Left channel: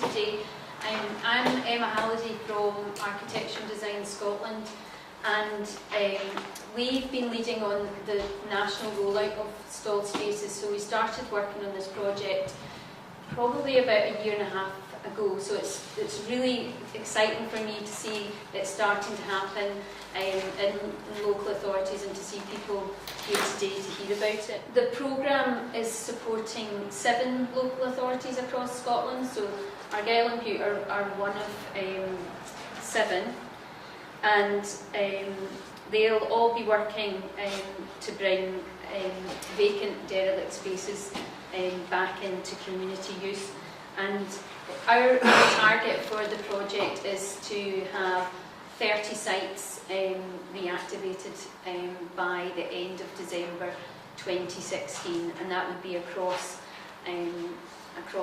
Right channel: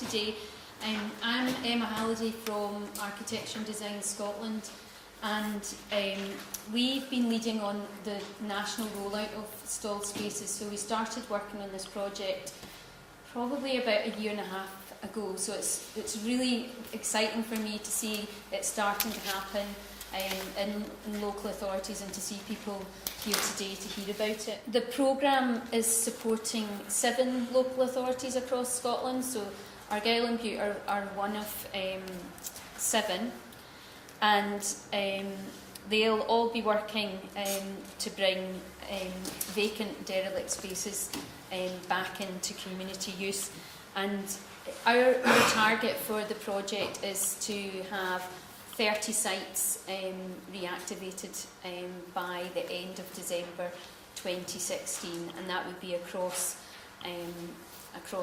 today. I'm Emma Halliday from Architecture and Design Scotland, and we've been leading on the national rollout of stalled spaces. So we started working on this project probably about a year and a half ago, so it's really exciting for me to see it starting to happen in local authorities and to see people here today to hear about it. The programme is supporting 7 local authorities across Scotland, so Argyll and Bute are one of 7, and they'll all be working to bring vacant derelict spaces back into community use. And our target for the project is to have 30 sites reactivated by the end of December 2016, and that would be across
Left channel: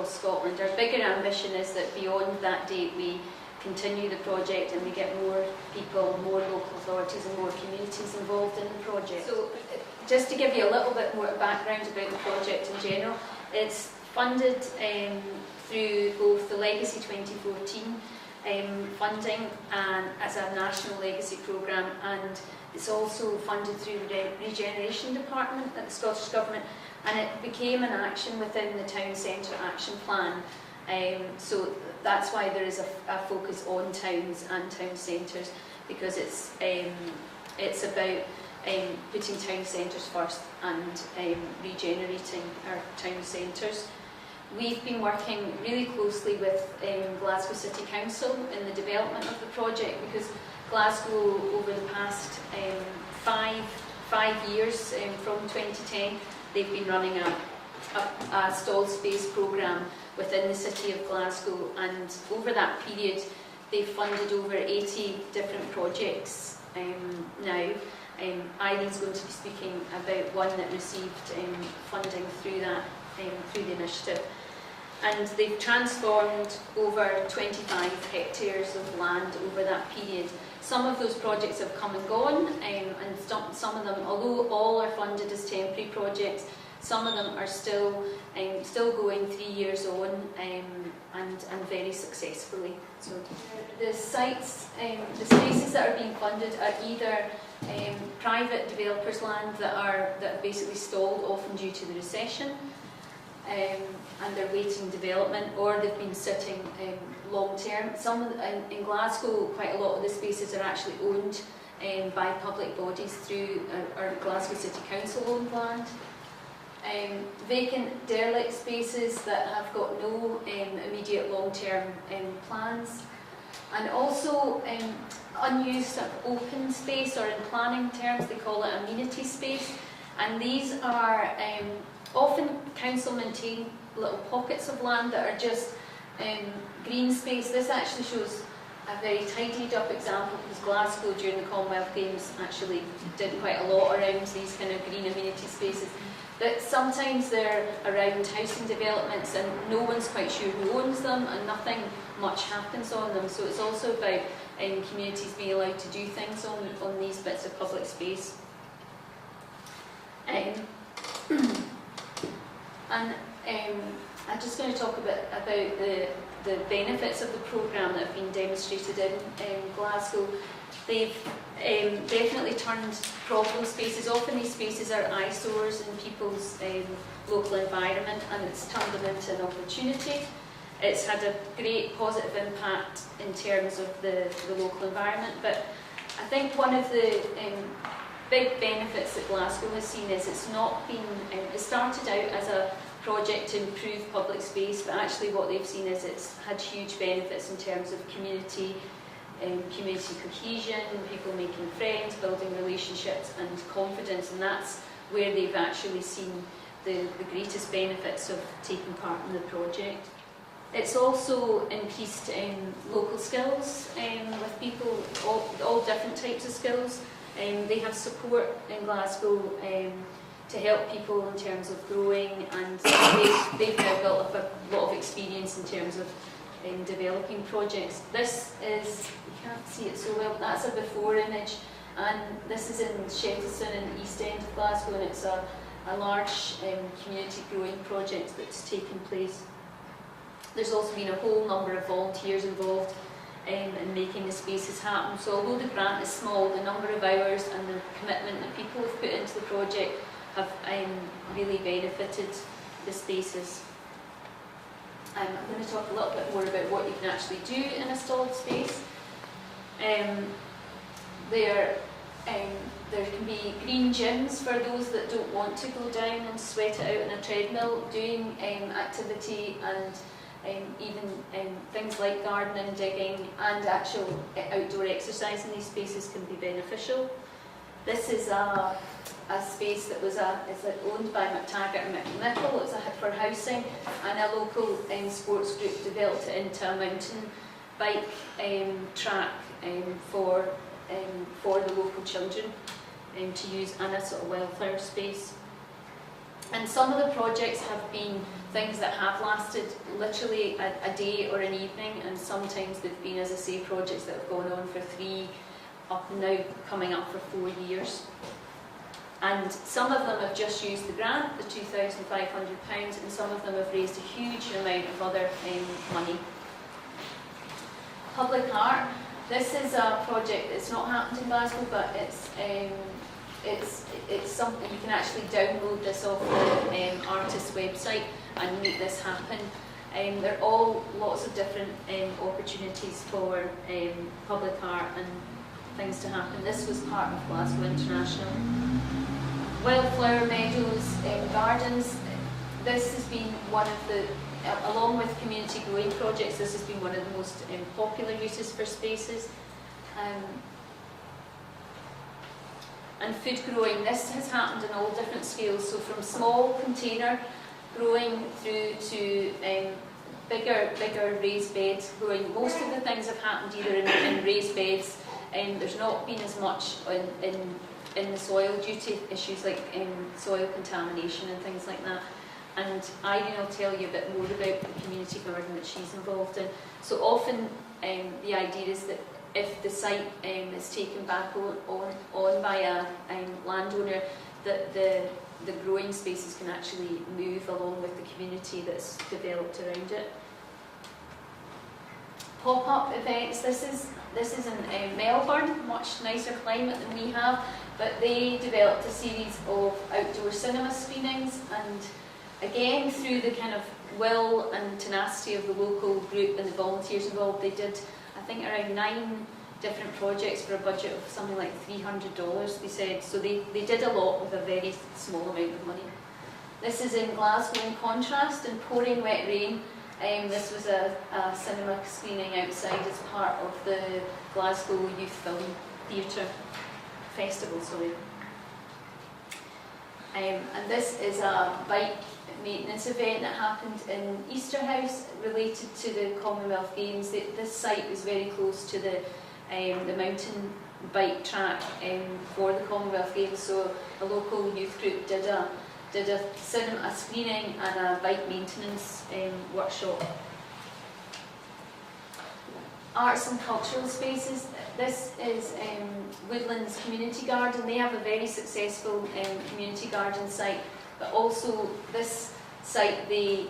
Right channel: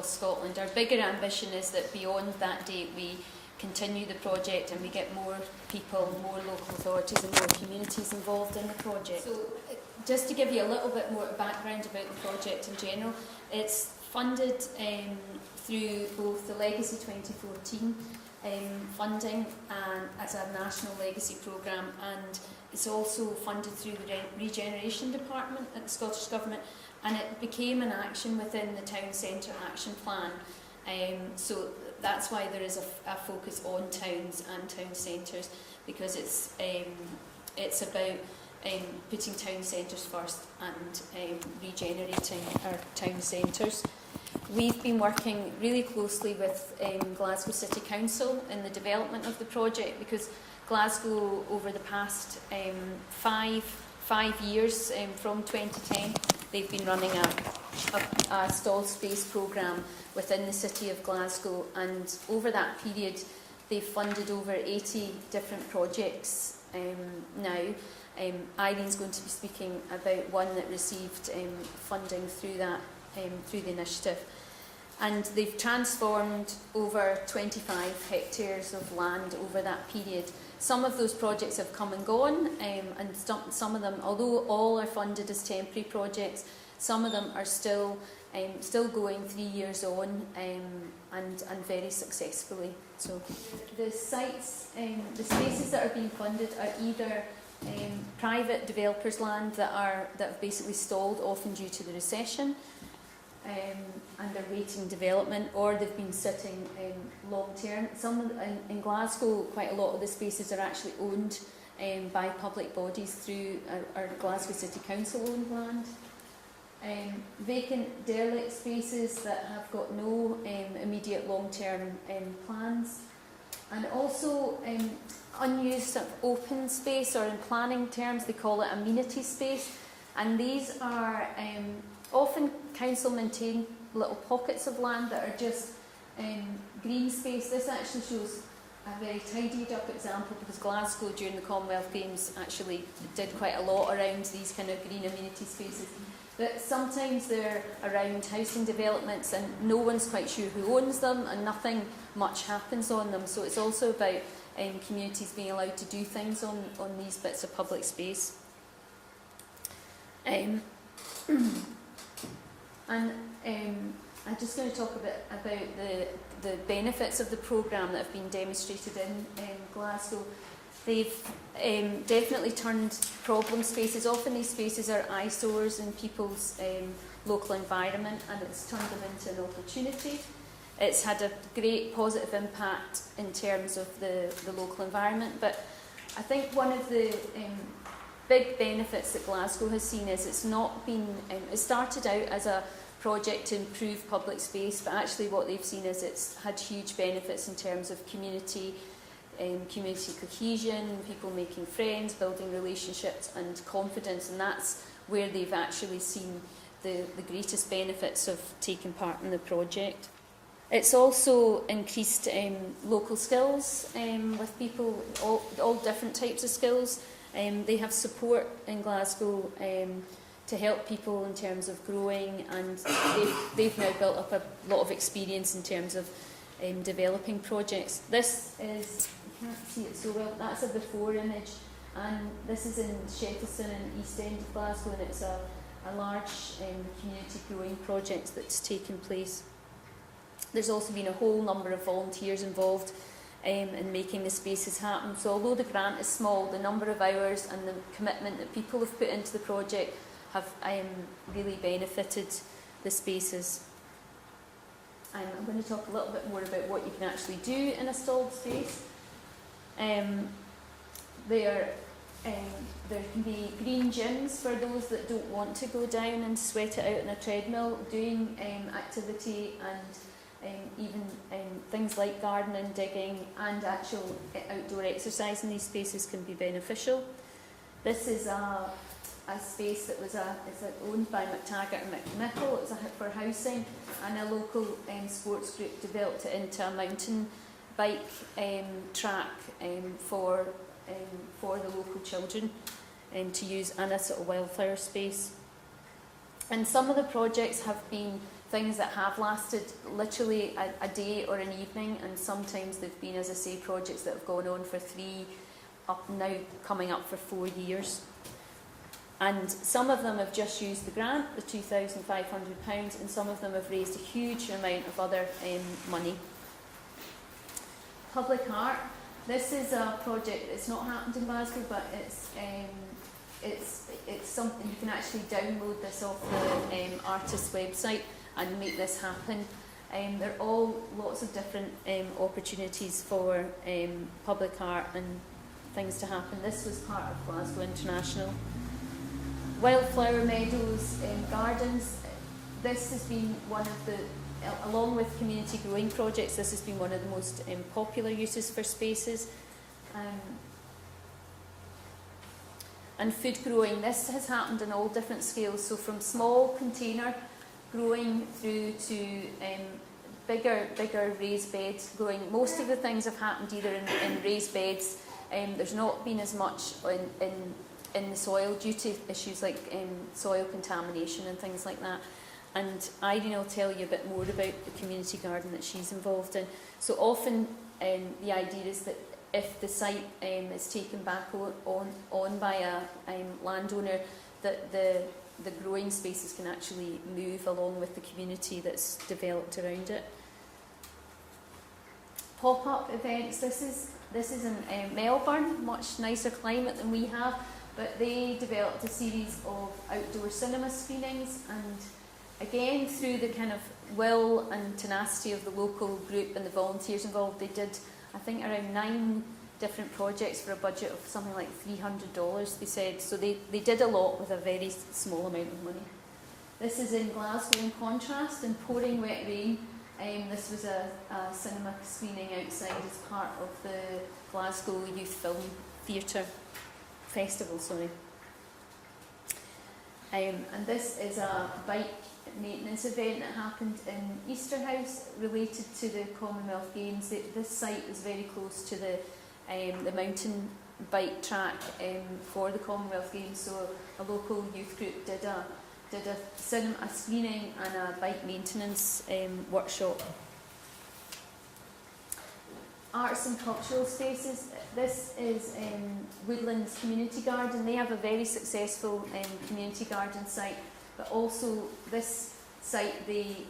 Scotland. Our bigger ambition is that beyond that date we continue the project and we get more people, more local authorities and more communities involved in the project. So just to give you a little bit more background about the project in general, it's funded through both the Legacy 2014 funding and as a national legacy programme, and it's also funded through the Regeneration Department at the Scottish Government, and it became an action within the Town Centre Action Plan. So that's why there is a focus on towns and town centres, because it's about putting town centres first and regenerating our town centres. We've been working really closely with Glasgow City Council in the development of the project, because Glasgow over the past 5 years, from 2010, they've been running a stalled space programme within the city of Glasgow, and over that period they've funded over 80 different projects now. Irene's going to be speaking about one that received funding through that through the initiative. And they've transformed over 25 hectares of land over that period. Some of those projects have come and gone, and some of them, although all are funded as temporary projects, some of them are still going 3 years on, and very successfully. So the sites, the spaces that are being funded are either private developers' land that have basically stalled, often due to the recession, and they're waiting development, or they've been sitting long term. In Glasgow, quite a lot of the spaces are actually owned by public bodies through our Glasgow City Council owned land. Vacant derelict spaces that have got no immediate long term plans, and also unused open space, or in planning terms they call it amenity space, and these are often council maintain little pockets of land that are just green space. This actually shows a very tidied up example, because Glasgow during the Commonwealth Games actually did quite a lot around these kind of green amenity spaces. But sometimes they're around housing developments and no one's quite sure who owns them, and nothing much happens on them. So it's also about communities being allowed to do things on these bits of public space. I'm just going to talk a bit about the benefits of the programme that have been demonstrated in Glasgow. They've definitely turned problem spaces. Often these spaces are eyesores in people's local environment, and it's turned them into an opportunity. It's had a great positive impact in terms of the local environment, but I think one of the big benefits that Glasgow has seen is it's not been, it started out as a project to improve public space, but actually what they've seen is it's had huge benefits in terms of community cohesion, people making friends, building relationships and confidence, and that's where they've actually seen the greatest benefits of taking part in the project. It's also increased local skills with people, all different types of skills. They have support in Glasgow to help people in terms of growing, and they've now built up a lot of experience in terms of developing projects. This is, you can't see it so well, that's a before image, and this is in Shettleston in the East End of Glasgow, and it's a large community growing project that's taken place. There's also been a whole number of volunteers involved in making the spaces happen. So although the grant is small, the number of hours and the commitment that people have put into the project have really benefited the spaces. I'm going to talk a little bit more about what you can actually do in a stalled space. There can be green gyms for those that don't want to go down and sweat it out in a treadmill, doing activity and even things like gardening, digging and actual outdoor exercise in these spaces can be beneficial. This is a space that was owned by McTaggart and McNichol. It was for housing, and a local sports group developed it into a mountain bike track for the local children to use in a sort of wildflower space. And some of the projects have been things that have lasted literally a day or an evening, and sometimes they've been, as I say, projects that have gone on for 3, now coming up for 4 years. And some of them have just used the grant, the £2,500, and some of them have raised a huge amount of other money. Public art. This is a project. It's not happened in Glasgow, but it's something you can actually download this off the artist's website and make this happen. There are all lots of different opportunities for public art and things to happen. This was part of Glasgow International. Wildflower meadows, gardens. This has been one of the, along with community growing projects, this has been one of the most popular uses for spaces. And food growing, this has happened in all different scales, so from small container growing through to bigger raised beds growing. Most of the things have happened either in raised beds, and there's not been as much in the soil due to issues like soil contamination and things like that. And Irene will tell you a bit more about the community garden that she's involved in. So often the idea is that if the site is taken back on by a landowner, that the growing spaces can actually move along with the community that's developed around it. Pop-up events. This is in Melbourne, much nicer climate than we have, but they developed a series of outdoor cinema screenings, and again through the kind of will and tenacity of the local group and the volunteers involved, they did, I think, around 9 different projects for a budget of something like $300, they said. So they did a lot with a very small amount of money. This is in Glasgow in contrast, in pouring wet rain. This was a cinema screening outside as part of the Glasgow Youth Film Theatre Festival. And this is a bike maintenance event that happened in Easterhouse related to the Commonwealth Games. This site was very close to the mountain bike track for the Commonwealth Games, so a local youth group did a cinema screening and a bike maintenance workshop. Arts and cultural spaces. This is Woodlands Community Garden. They have a very successful community garden site, but also this site they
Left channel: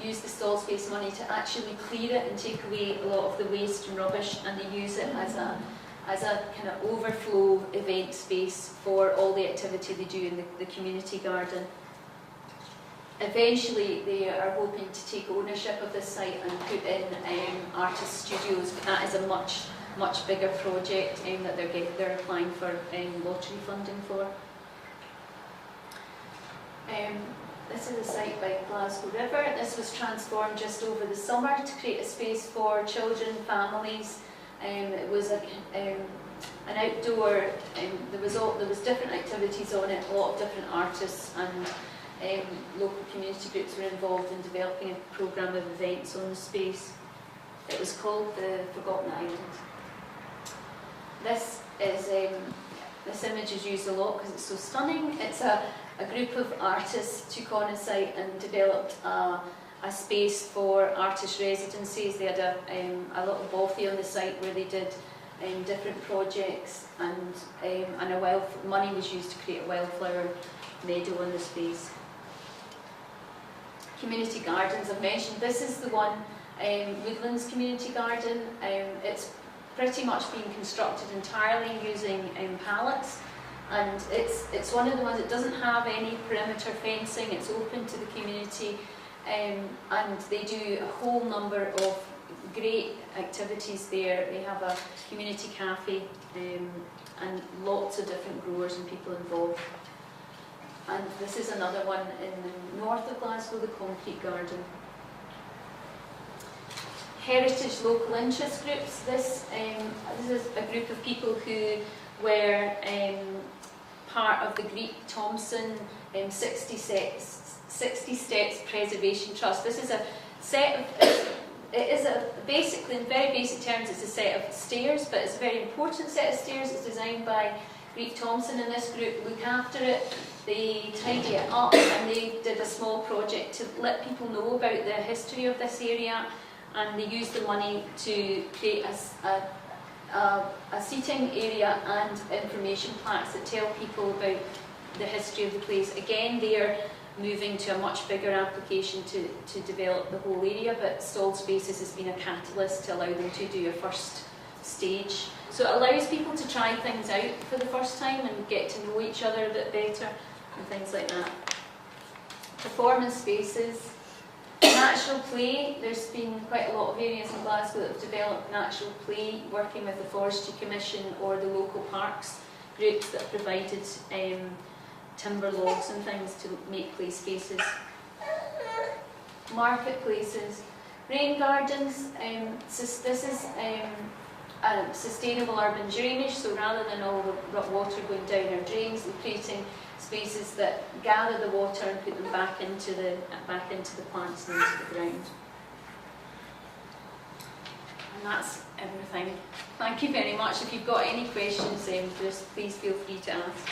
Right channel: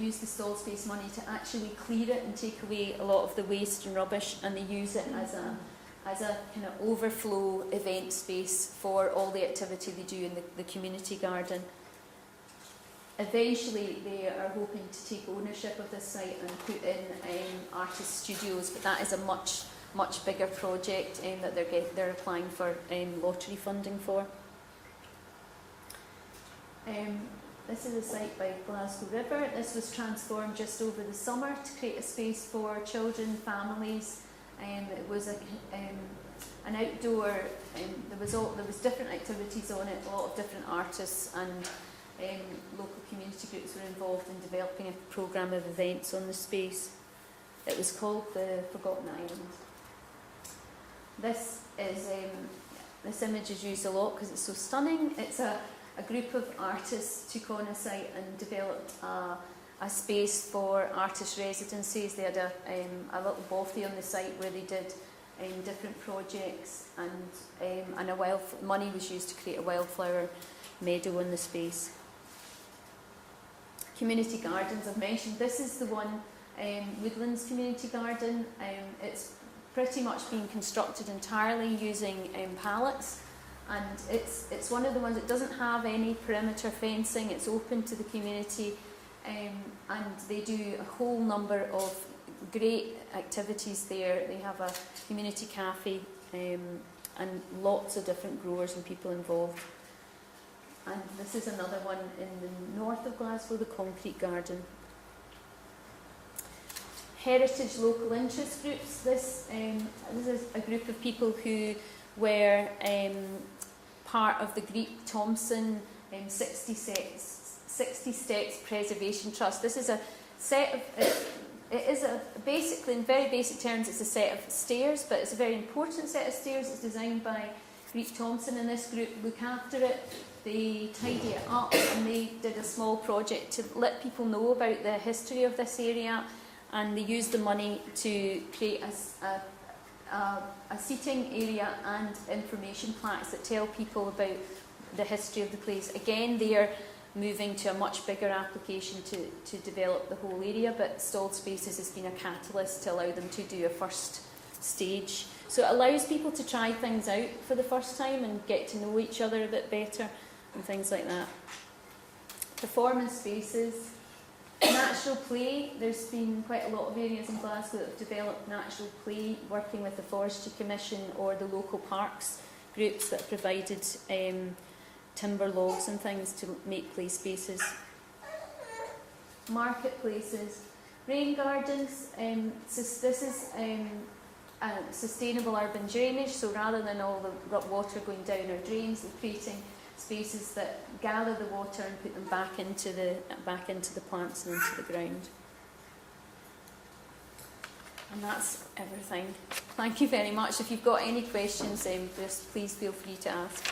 use the stall space money to actually clear it and take away a lot of the waste and rubbish, and they use it as a kind of overflow event space for all the activity they do in the community garden. Eventually they are hoping to take ownership of this site and put in artist studios, but that is a much bigger project that they're applying for lottery funding for. This is a site by Glasgow River. This was transformed just over the summer to create a space for children, families. It was an outdoor. There was different activities on it. A lot of different artists and local community groups were involved in developing a programme of events on the space. It was called the Forgotten Island. This image is used a lot because it's so stunning. It's a group of artists took on a site and developed a space for artist residencies. They had a little bothy on the site where they did different projects, and money was used to create a wildflower meadow on the space. Community gardens, I've mentioned. This is the one Woodlands Community Garden. It's pretty much been constructed entirely using pallets, and it's one of the ones that doesn't have any perimeter fencing. It's open to the community, and they do a whole number of great activities there. They have a community cafe and lots of different growers and people involved. And this is another one in the north of Glasgow, the Concrete Garden. Heritage local interest groups. This is a group of people who were part of the Greet Thompson 60 Steps Preservation Trust. This is a set of, basically, in very basic terms, it's a set of stairs, but it's a very important set of stairs. It's designed by Greet Thompson, and this group look after it. They tidy it up, and they did a small project to let people know about the history of this area, and they used the money to create a seating area and information plaques that tell people about the history of the place. Again, they are moving to a much bigger application to develop the whole area, but Stalled Spaces has been a catalyst to allow them to do a first stage. So it allows people to try things out for the first time and get to know each other a bit better and things like that. Performance spaces. Natural play. There's been quite a lot of areas in Glasgow that have developed natural play, working with the Forestry Commission or the local parks groups that provided timber logs and things to make play spaces. Marketplaces. Rain gardens. This is sustainable urban drainage, so rather than all the water going down our drains, we're creating spaces that gather the water and put them back into the plants and into the ground. And that's everything. Thank you very much. If you've got any questions, just please feel free to ask.